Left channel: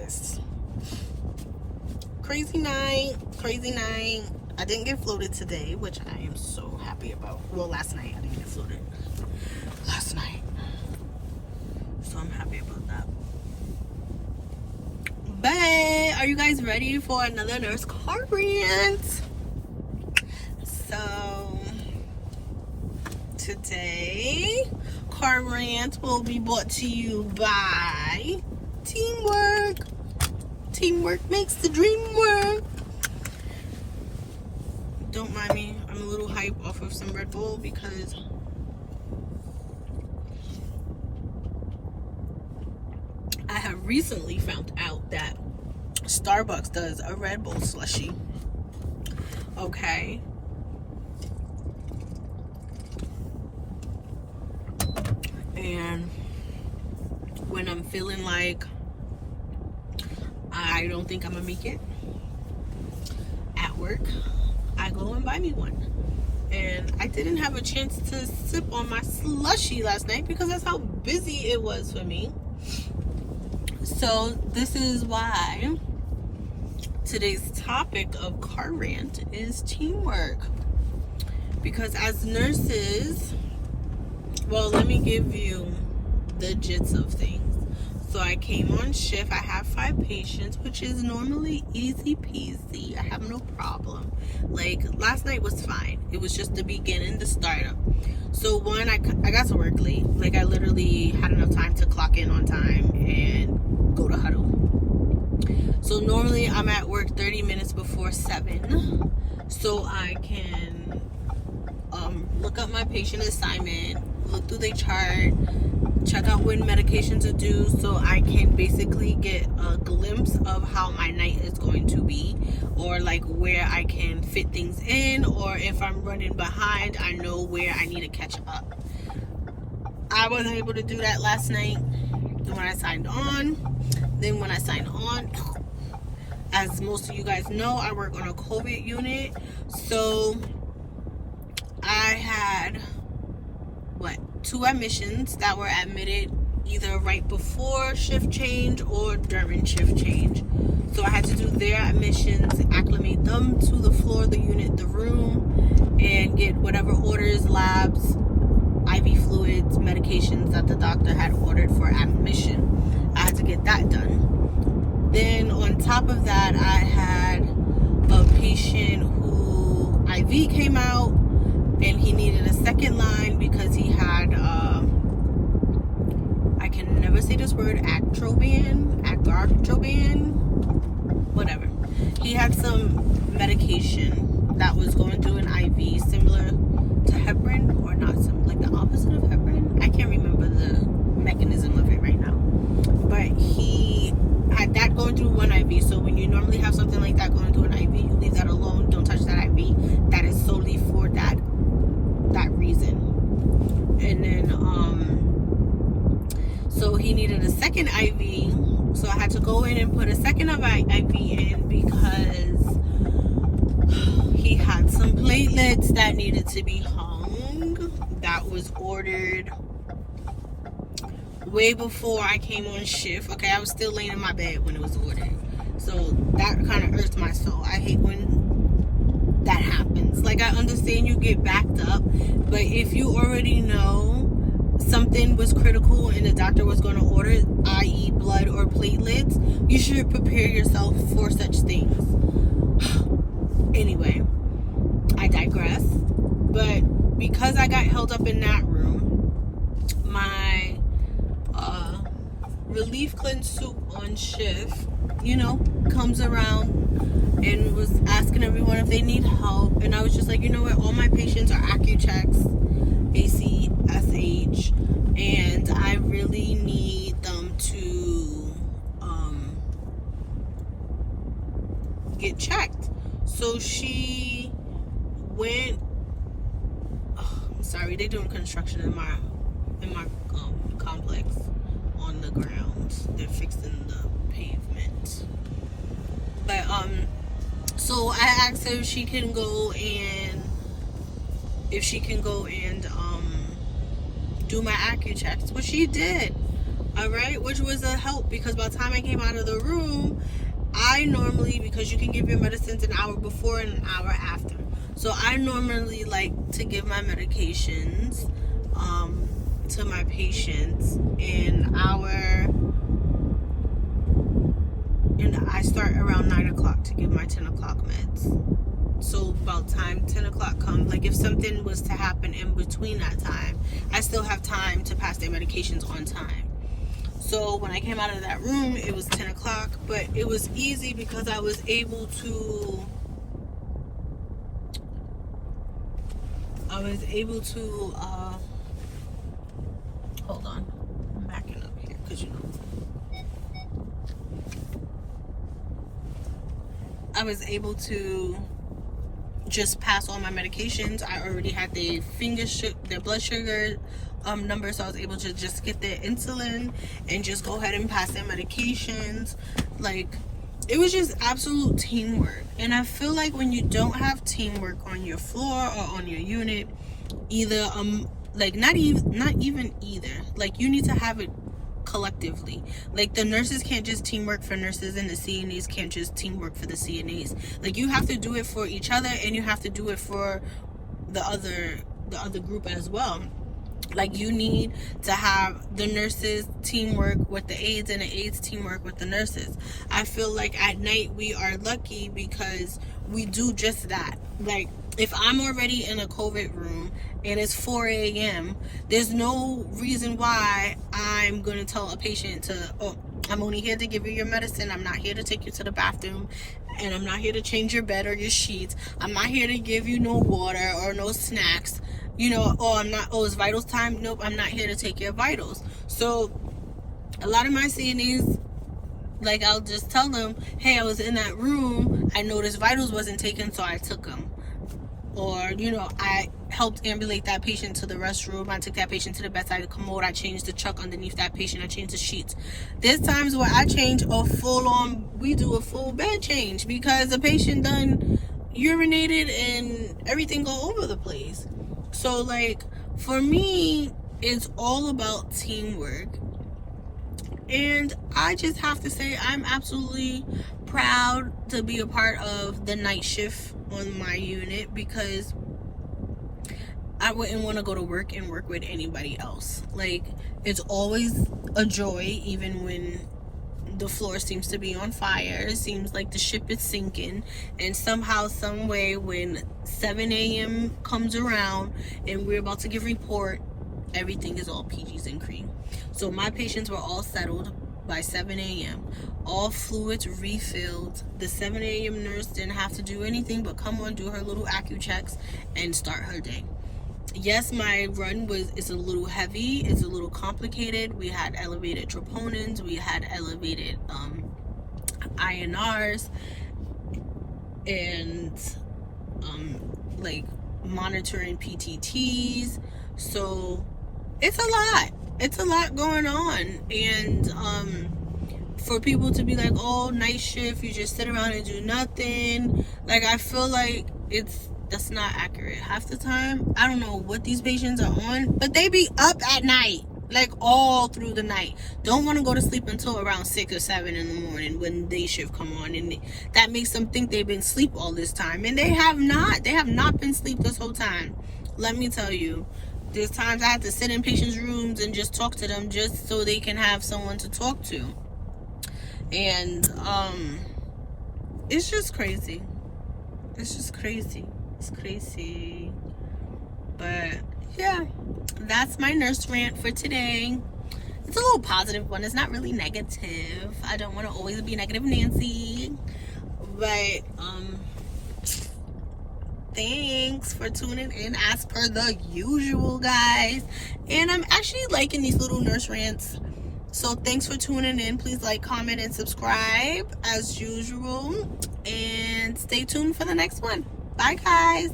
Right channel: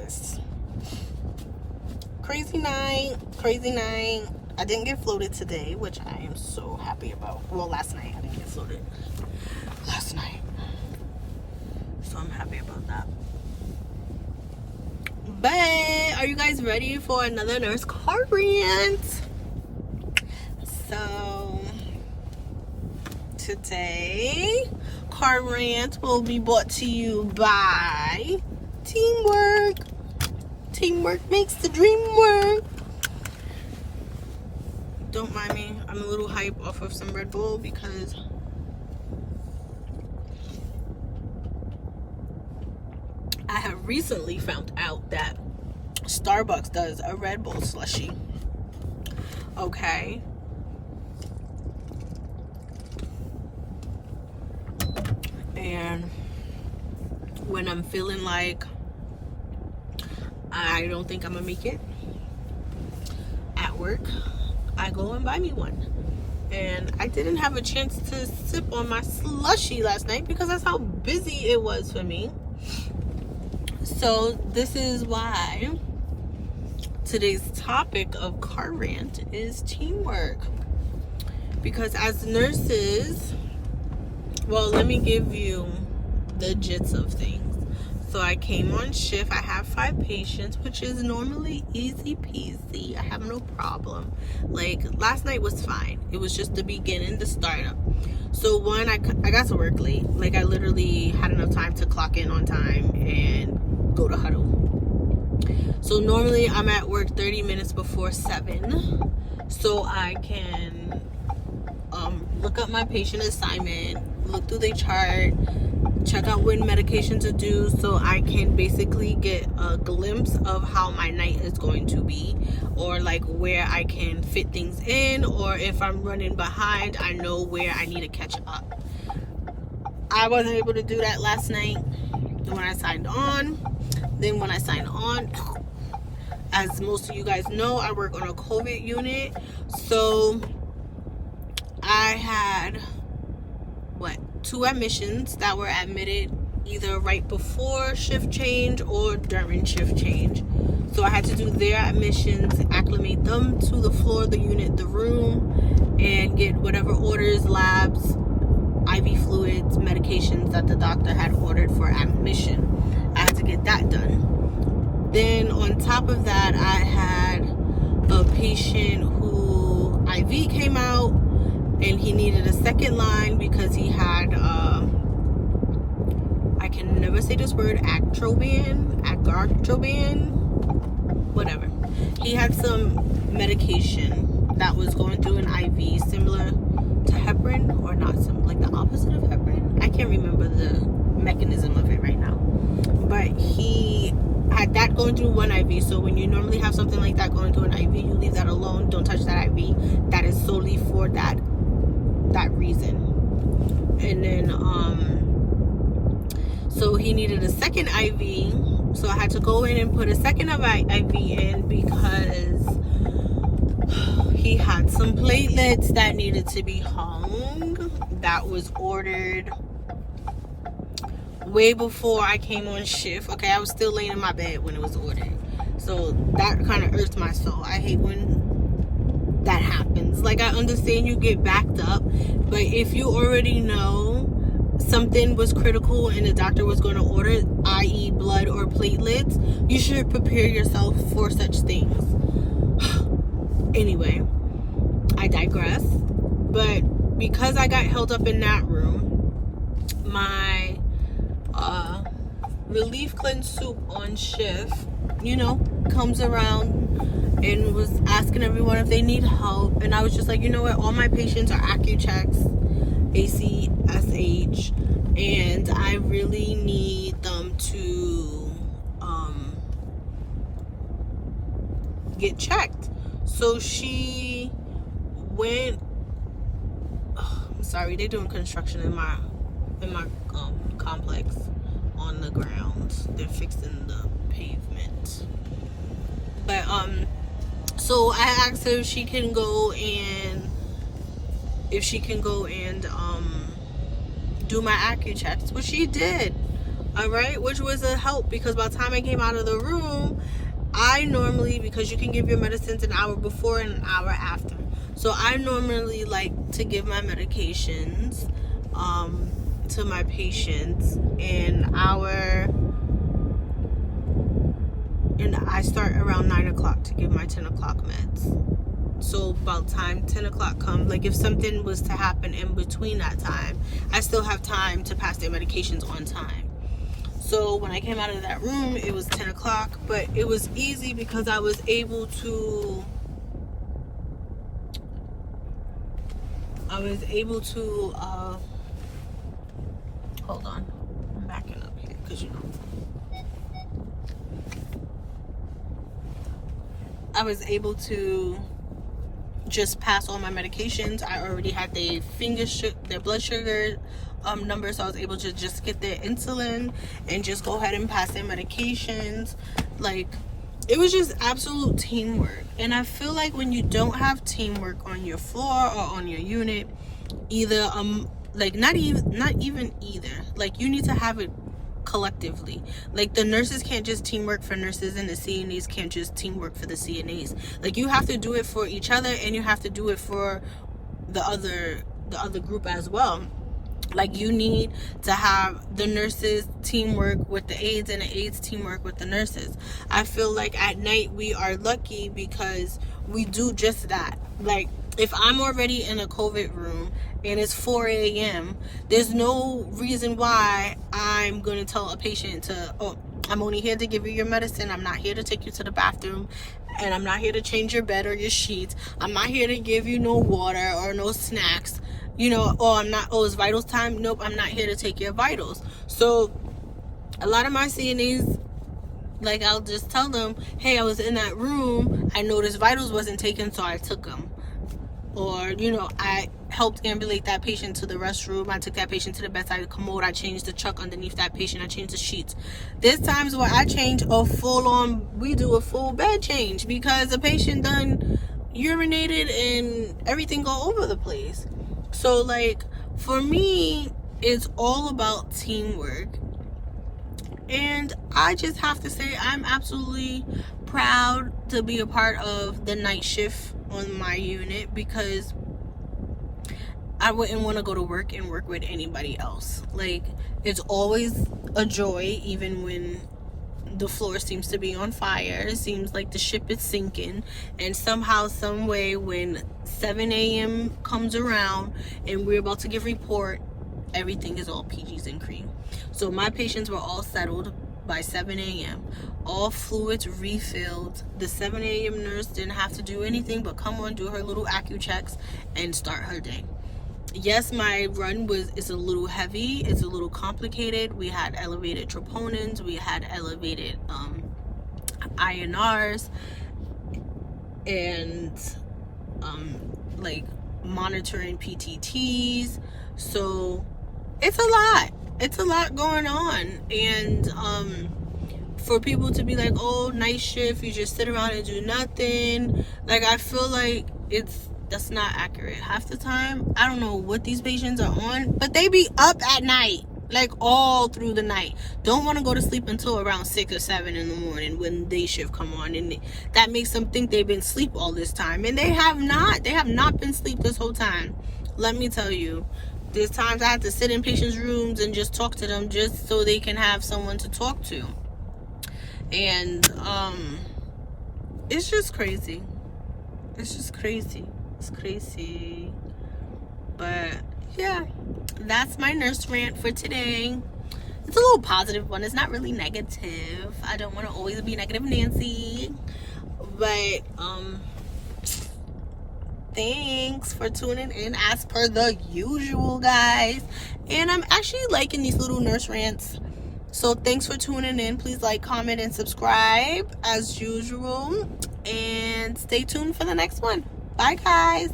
guys. Crazy night. I didn't get floated today, which I am so happy about. Well, last night I didn't get floated. Last night. So I'm happy about that. But are you guys ready for another nurse car rant? So today, car rant will be brought to you by teamwork. Teamwork makes the dream work. Don't mind me. I'm a little hype off of some Red Bull because I have recently found out that Starbucks does a Red Bull slushie. Okay. And when I'm feeling like I don't think I'm gonna make it at work, I go and buy me one. And I didn't have a chance to sip on my slushie last night because that's how busy it was for me. So this is why today's topic of car rant is teamwork. Because as nurses, well, let me give you the gist of things. So I came on shift. I have 5 patients, which is normally easy peasy. I have no problem. Like, last night was fine. It was just the beginning, the startup. So one, I got to work late. Like, I literally had enough time to clock in on time and go to huddle. So normally I'm at work 30 minutes before 7. So I can look up my patient assignment, look through the chart, check out when medications are due, so I can basically get a glimpse of how my night is going to be, or like where I can fit things in, or if I'm running behind, I know where I need to catch up. I wasn't able to do that last night when I signed on. Then when I signed on, as most of you guys know, I work on a COVID unit, so I had 2 admissions that were admitted either right before shift change or during shift change. So I had to do their admissions, acclimate them to the floor, the unit, the room, and get whatever orders, labs, IV fluids, medications that the doctor had ordered for admission. I had to get that done. Then on top of that, I had a patient who IV came out, and he needed a second line because he had, I can never say this word, agartroban, whatever. He had some medication that was going through an IV similar to heparin, or not some, like the opposite of heparin. I can't remember the mechanism of it right now. But he had that going through one IV. So when you normally have something like that going through an IV, you leave that alone. Don't touch that IV. That is solely for that reason. And then so he needed a second IV, so I had to go in and put a second IV in because he had some platelets that needed to be hung. That was ordered way before I came on shift. Okay, I was still laying in my bed when it was ordered, so that kind of irks my soul. I hate when that happens. Like, I understand you get backed up, but if you already know something was critical and the doctor was going to order, i.e. blood or platelets, you should prepare yourself for such things. Anyway, I digress. But because I got held up in that room, my relief cleanse soup on shift, comes around and was asking everyone if they need help. And I was just like, you know what, all my patients are AccuChecks, ACSH, and I really need them to get checked. So she went, I'm sorry, they're doing construction in my complex on the ground. They're fixing the pavement. But so I asked her if she can go and do my AccuChecks, which she did. All right, which was a help because by the time I came out of the room, I normally, because you can give your medicines an hour before and an hour after. So I normally like to give my medications to my patients an hour, and I start around 9 o'clock to give my 10 o'clock meds. So about time 10 o'clock comes, like if something was to happen in between that time, I still have time to pass their medications on time. So when I came out of that room, it was 10 o'clock, but it was easy because I was able to hold on, I'm backing up here because I was able to just pass all my medications. I already had their blood sugar numbers, so I was able to just get their insulin and just go ahead and pass their medications. Like, it was just absolute teamwork. And I feel like when you don't have teamwork on your floor or on your unit, either like not even either, like you need to have it collectively. Like the nurses can't just teamwork for nurses, and the CNAs can't just teamwork for the CNAs. Like you have to do it for each other, and you have to do it for the other group as well. Like you need to have the nurses teamwork with the aides and the aides teamwork with the nurses. I feel like at night we are lucky because we do just that. Like if I'm already in a COVID room and it's 4 a.m., there's no reason why I'm going to tell a patient to, oh, I'm only here to give you your medicine. I'm not here to take you to the bathroom. And I'm not here to change your bed or your sheets. I'm not here to give you no water or no snacks. You know, it's vitals time. Nope, I'm not here to take your vitals. So a lot of my CNAs, like I'll just tell them, hey, I was in that room. I noticed vitals wasn't taken, so I took them. Or, you know, I helped ambulate that patient to the restroom. I took that patient to the bedside commode. I changed the chuck underneath that patient. I changed the sheets. There's times where I change we do a full bed change because the patient done urinated and everything go over the place. So, like, for me, it's all about teamwork. And I just have to say I'm absolutely proud to be a part of the night shift on my unit because I wouldn't want to go to work and work with anybody else. Like, it's always a joy, even when the floor seems to be on fire. It seems like the ship is sinking. And somehow, some way, when 7 a.m. comes around and we're about to give report, everything is all peaches and cream. So my patients were all settled by 7 a.m. All fluids refilled. The 7 a.m. nurse didn't have to do anything but come on, do her little AccuChecks, and start her day. Yes, my run is a little heavy. It's a little complicated. We had elevated troponins. We had elevated INRs, and like monitoring PTTs. So it's a lot. It's a lot going on. And for people to be like, oh, night shift, you just sit around and do nothing. Like, I feel like that's not accurate. Half the time, I don't know what these patients are on, but they be up at night, like all through the night. Don't want to go to sleep until around 6 or 7 in the morning when day shift come on, and that makes them think they've been asleep all this time, and they have not. They have not been asleep this whole time. Let me tell you, there's times I have to sit in patients' rooms and just talk to them just so they can have someone to talk to. And it's just crazy. It's just crazy. It's crazy. But yeah, that's my nurse rant for today. It's a little positive one. It's not really negative. I don't want to always be negative Nancy. But thanks for tuning in as per the usual, guys. And I'm actually liking these little nurse rants. So thanks for tuning in. Please like, comment, and subscribe as usual. And stay tuned for the next one. Bye, guys.